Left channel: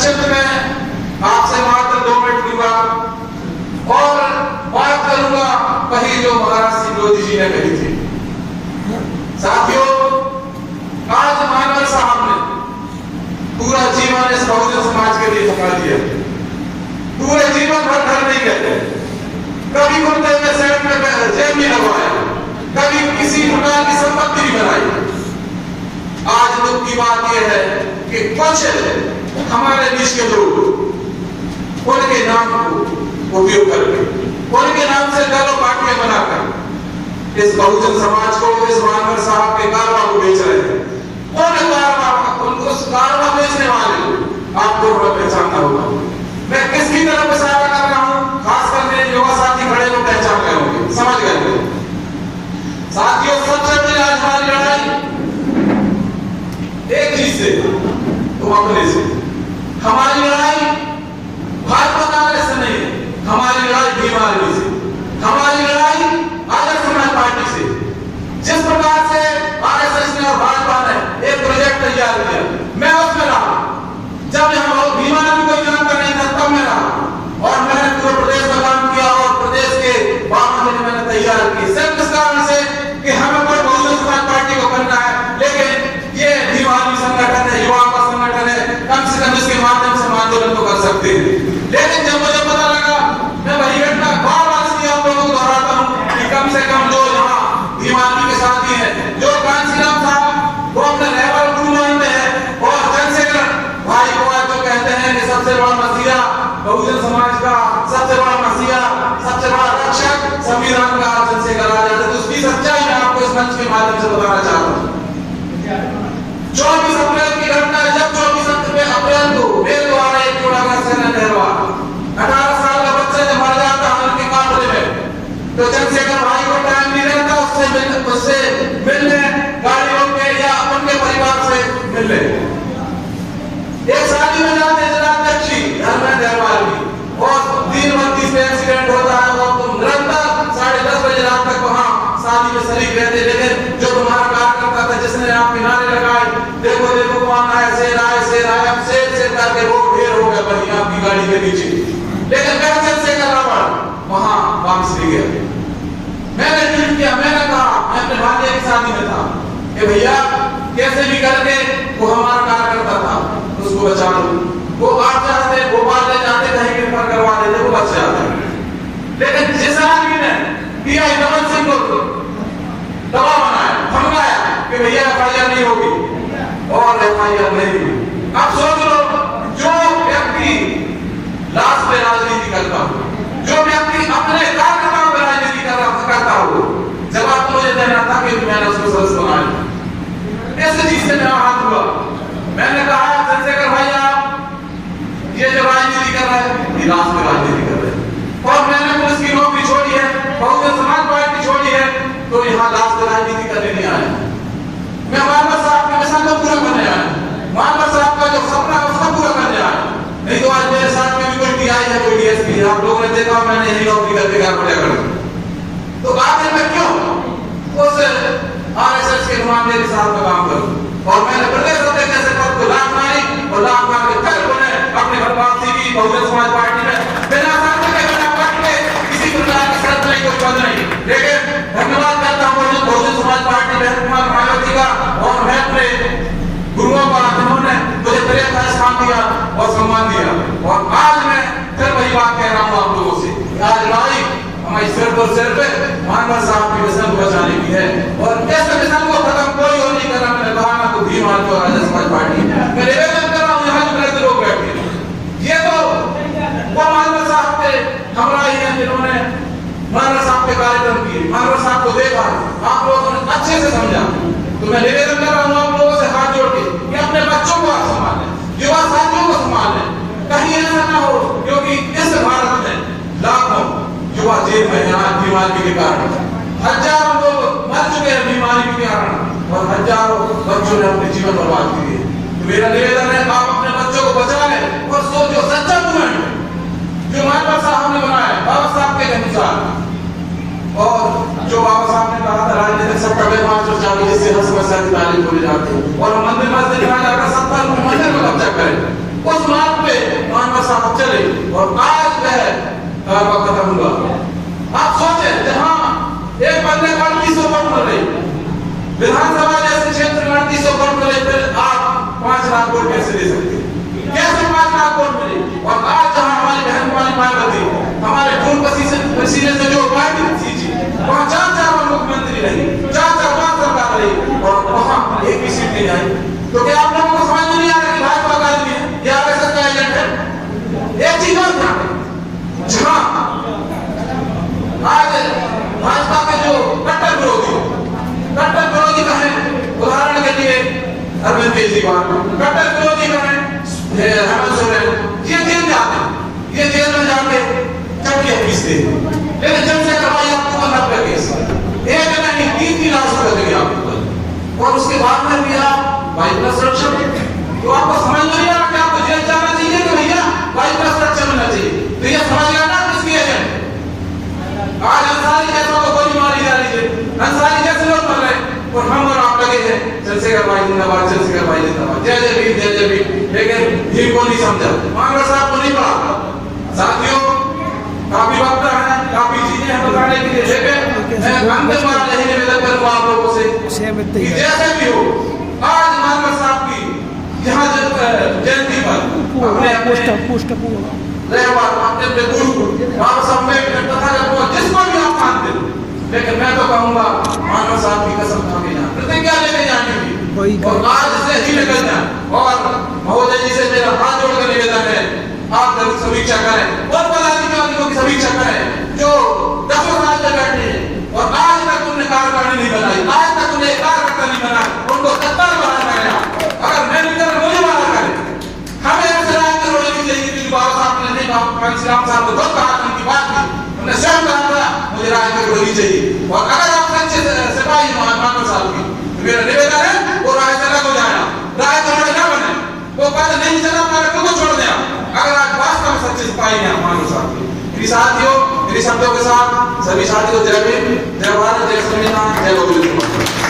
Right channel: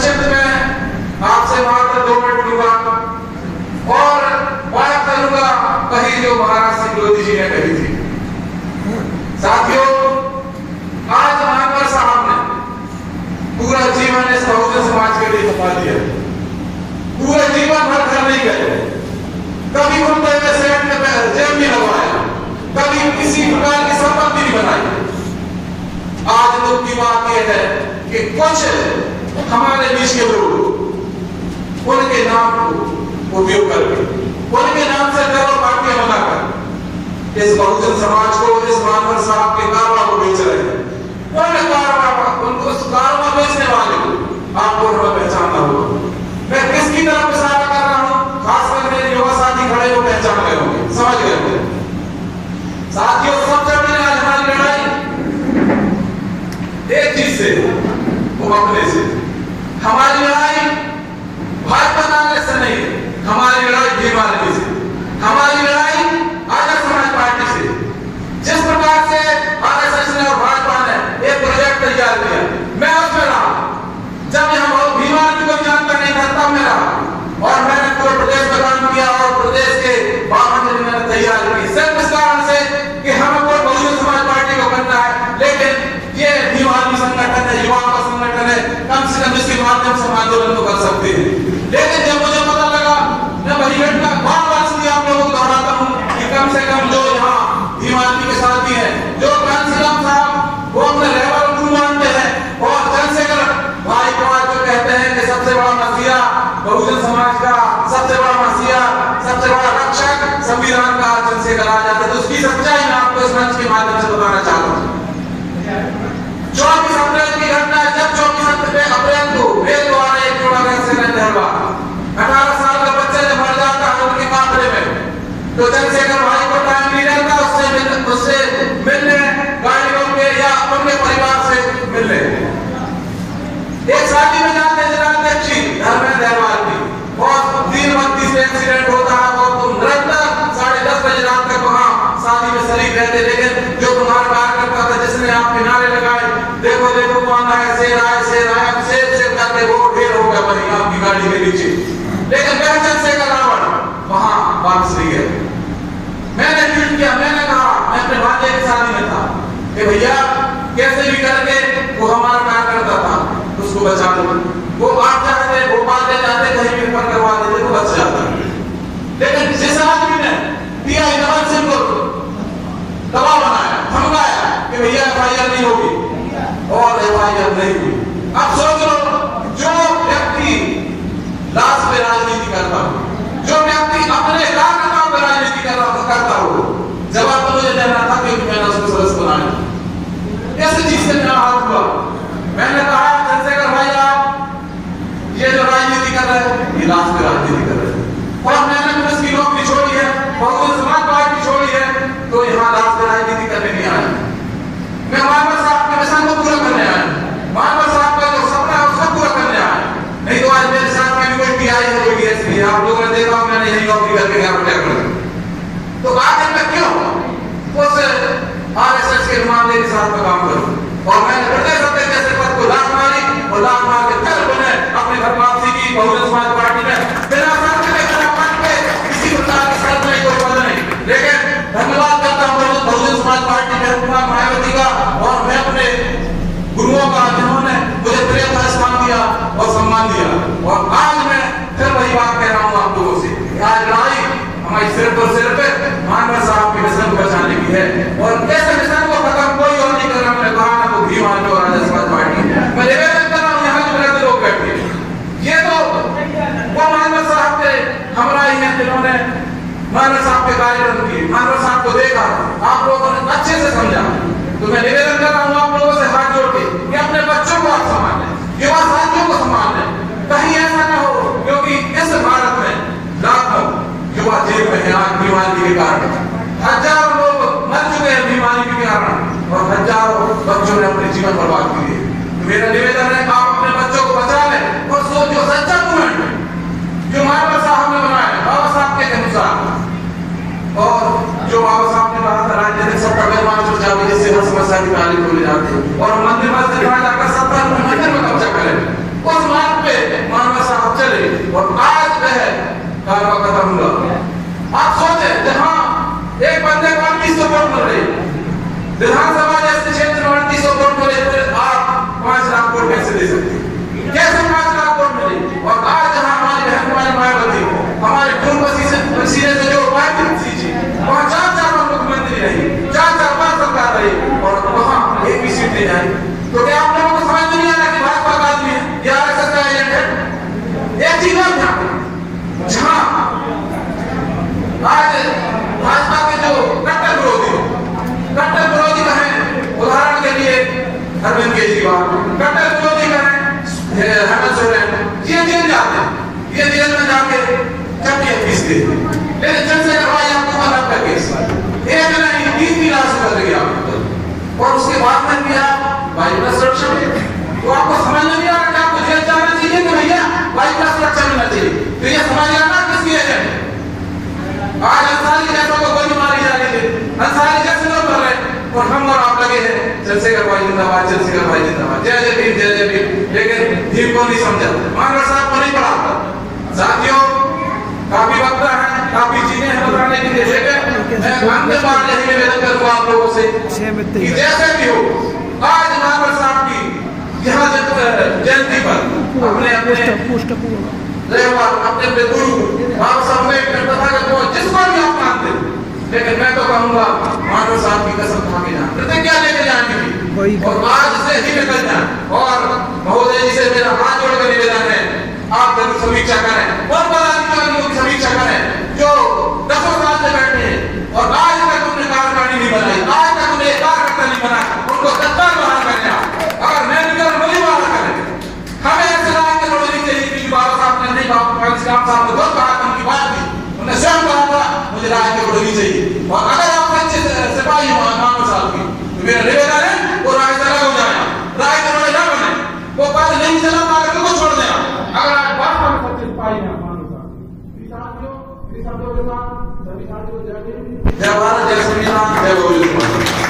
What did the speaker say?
संक्षिप्त में आपसे मात्र 2 मिनट लूंगा और बात करूंगा वही जो महाराज सिंह लोधी जी ने कही थी। साथियों, आज मानवर साहब ने पूरा जीवन इस बहुजन समाज के लिए खपा दिया, पूरे जीवन भर घर नहीं गए, कभी घूमते हुए सेठ में जेब नहीं लगवाया, कभी किसी प्रकार की संपत्ति नहीं बनाई। आज दुख की बात यह है कि कुछ हमारे बीच के लोग उनके नाम को उपयोग करके, उनके नाम से दलों पार्टियां बनाकर इस बहुजन समाज को, इस मानवर साहब के कारवा को बेच रहे हैं। उनको उस कारवा बेचने वाले को आपको थोड़ा पहचानना होगा। मैं किसकी तरफ इशारा कर रहा हूं, खासकर मेरे युवा साथी खड़े हो पहचान गए होंगे, समझ गए होंगे। साथियों, सबसे पहले आज हमारी लड़ाई एक चीज से, वो अपने से। हमारी लड़ाई भाजपा कांग्रेस से नहीं है, हमारी लड़ाई बीमारी से, हमारी लड़ाई आजाद समाज पार्टी से। जिस प्रकार से आरएसएस ने और भाजपा ने एक प्रोजेक्ट तैयार किया, मैं उसमें रहा। जब यहाँ बीमारी कोई जानता नहीं था तब मैं रहा और मैंने पूरे प्रदेश में काम किया और प्रदेश के 52 जिले मैंने तैयार किए, सिर्फ इस कारण से कि हमें कोई बहुजन समाज पार्टी को करना है। लेकिन ये बीमारी संगठन है, युवाओं का संगठन है, कम से कम इसके माध्यम से आंदोलन को कर सकते हैं। लेकिन जब मुझे पता लगा, मैं वही घटना बार-बार इसलिए आप लोगों को दोहराता हूं कि कम से कम जो यहाँ बीमारी के साथी हैं, जो कांशीराम साहब वो अपने लेवल गुरु मानते हैं और चंद्रशेखर भाई को आज जो कहते हैं कि सबसे बड़ा मसीहा बहुजन समाज का, सबसे बड़ा मसीहा, सबसे बड़ा रक्षक संविधान का चंद्रशेखर आ जाते, तो उसकी सच्चाई मैं आपको इस मंच के माध्यम से बताना चाहता हूँ। 24 अप्रैल की घटना है, जब 24 अप्रैल को रेल द्वारा एक जोड़ा का एक्सीडेंट हुआ, 18 साल का बच्चा जब मर जाता है उनके कांपड़े में, तो चंद्रशेखर भाई को टाइम नहीं रहता उससे मिलने, गाड़ी रोक के या उनके परिवार से मिलने। एक शादी में जाते जिलाध्यक्षी धर्मेंद्र अग्रवाल की और दिन बत्ती से एक्सीडेंट होता है और तुम निरंतर 10:30 बजे रात तक वहां शादी में शरीक रहते। लेकिन जो तुम्हारा कार्यकर्ता था जिसने आप किनारे लगाए, देखो देखो कौन आया, शेर आया, शेर आया, शेर शेर करके वो ढेर हो गया बनी आपकी गाड़ी के नीचे। लेकिन वह चंद्रशेखर रावण वहां वापस नहीं गया। मैंने ट्वीट किया, मैंने कहा, मैं अपने भांजे की शादी में था कि भैया कैसे भी करके वो हमारा कार्यकर्ता था, उसको बचा लो। वो आप जाते भोपाल ले जाते, कहीं भी पर करवा देते, वो बच जाते। लेकिन जिस आदमी ने पीआई नमन सिंह को दबाव बनाया, धमकाया कि भैया एफआईआर नहीं होगी और एफआईआर नहीं हुई। अब सोच लो, जो व्यक्ति लाश पे राजनीति करता हो, जो व्यक्ति अपने कार्यकर्ताओं पे राजनीति करता हो, जवाब तो मुझे देना था कि मैंने उसको सदस्य बनाया। ऐसे चीज से मेरा हाथ हुआ। मैंने कहा चंद्रशेखर भाई आप ये जो राजनीति कर रहे हैं, लाश पे राजनीति कर रहे हैं और मैंने पुलिस की नौकरी छोड़ी है, बहुजन समाज पार्टी छोड़ी है, तो यहाँ लाश पे राजनीति करने नहीं आया। मैं मानवर साहब के मिशन को पूरा करने आया, मानवर साहब का जो सपना है उसको पूरा करने आया। नहीं तो आज मेरे साथ में भी कोई टीआई है, कोई डीएसपी है, आप लोगों ने देखा मैंने यही नौकरी करके घर में जाकर। तो आखिर में क्यों उस आरएसएस के नुमाइंदे के साथ में काम करूं? और मैंने प्रदेश अध्यक्ष जैसे पद को लात मारी और लात मार के फिर उन्हें अपने घर वापसी की बहुजन समाज पार्टी में बिना शर्त के, बिना कट के, किसी प्रकार की शर्त नहीं, कोई पद नहीं। लेकिन धन्यवाद करता हूं बहुजन समाज पार्टी के कुमार मायावती का और मैं अपने गुरुओं का, जिन्होंने मुझे प्रेम का स्थान दिया और सम्मान दिया। और आज मैं फिर वही बात कह रहा हूं आप लोगों से, आज लड़ाई हमारी सिर्फ और सिर्फ मानवर साहब के मिशन को बचाने की है और कैसे मिशन को खत्म कोई और नहीं कर रहा। मैंने कहा ना को भी मान लो आजाद समाज पार्टी, मैं निवेदन कर रहा हूं यहाँ जो मेरे लोग बैठे, ये तो वो मानवर साहब के हमरा ही हैं जिन्होंने मानवर साहब के कार्यक्रम किए, मानवर साहब को देखा, आप लोगों ने अच्छे से समझा। तो मैं निवेदन कर रहा हूं आप लोगों से हाथ जोड़ के कि अपने बच्चों को आप संभाल लें, युवा साथियों को संभाल लें, कहीं ऐसा ना हो, क्योंकि इस भारत में लाखों युवा जेल में हैं आज बीमारी के कारण। हजारों लोग मर चुके हैं बीमारी के कारण और हजारों बच्चों ने अपने जीवन बर्बाद किए। तो मेरा निवेदन है आप अपने बच्चों को बचा लें और सोचो सच्चा मूवमेंट जो मानवर साहब ने बनाया बाबा साहब के अनुसार और जो बाबा साहब ने कहा था राजनीतिक सत्ता व्यवहार चर्चा में जिससे हर समस्या की तालीम बोली जाती है और मंदिर मस्जिद में जाकर सत्ता मंदिर में कब्जा करें। उस मार्ग पे मानव साहब चले और आज वह कारवा खत्म हुआ। आप सोचे जहां एक बंदे को 3800 वोट मिल रहे, विधानसभा जैसे क्षेत्र में 3800 वोट मिले, फिर आप 5 लाख वोट कैसे दे सकते? कैसे 5 लाख वोट मिले? और आज जहां हमारी बहन हमारी मायावती हमारे खून पसीने से जो उपाय थी, वहां 4 बार मुख्यमंत्री रही, 4 बार सरकार रही और वहां एक भी सीट नहीं आई। तो क्या आप लोगों को समझ में नहीं आ रहा कि भाजपा का आदमी है या आरएसएस का एजेंट है? एक चीज और ध्यान रखें, जहां आज भाजपा के जो कट्टर विरोधी कहें, उदाहरण के लिए अरविंद केजरीवाल, कट्टर विरोधी कहें हेमंत सोरेन, ये जेल जाते हैं, ये जेल में जाके चपटियां पीसते हैं, लेकिन चंद्रशेखर भाई आपको 90 केस, एक नहीं 3 लाख रुपए दिया और उसके बाद में भी आप बाइक का सुरक्षा देते। तो आपको समझ नहीं आ रहा कि आपको जेल जाना चाहिए कि भैया बाइक का सुरक्षा मिलना चाहिए? तो ये समझ गया ना किसकी एजेंट? आज अंसारी जैसों को गोली मारी जा रही है, अंसारी जैसे लोग मर रहे हैं और हम और आप लगे हैं चंद्रशेखर भाई जिंदाबाद, चंद्रशेखर भाई जिंदाबाद, जय जय भीम, जय जय भीम। लेकिन भीम को नहीं समझा, मानवर साहब को नहीं पढ़ा। साथियों, काफी वक्त है, काफी चीजें हैं बताने के लिए, लेकिन मैं अंतिम बार यही निवेदन करूंगा आप लोगों से कि जैसे भी हो, आज मानवर साहब की यहाँ जयंती पर अपने गुरु बाबा साहब ने जिसको भी आप मानते, लेकिन मैं तो कहूंगा मानव साहब की कसम खा के जाए, प्रतिज्ञा लेके जाने की और आज से ही निकल जाए। और महोदय जी से मेरा हाथ जोड़ कर निवेदन है, आप लोग समीक्षा करें और पदाधिकारियों की समीक्षा करें जो 10 साल से बैठे हैं और आज तक उन्होंने कार्यकारिणी नहीं बनाई, आज तक उन्हें एक कार्यकर्ता नहीं बना, उनको सत्ता बाहर बैठा। अगर मैं निकल मुझे बाहर करें, हमें ऐसे राय की जरूरत नहीं चाहिए, क्योंकि बाबा साहब ने नहीं कहा, श्याम साहब को बहुत कहा, उनकी बात थी, उन्होंने स्वयं कहा था मुझे राय की जरूरत नहीं चाहिए। और अगर आप सच्चे सिपाही हो मानव साहब की, तो मेरा निवेदन है वो राय से अलग हो जाए, राय के ना बने, वो पद नहीं चला पाएगा तो छोड़ दें। अगर आप वास्तव में सच्चे सिपाही हैं मानव साहब की। मेरी साथियों, मेरी शब्दों के साथ सभी साथियों को जय भीम, जय भारत, जय संविधान, जय गौरव।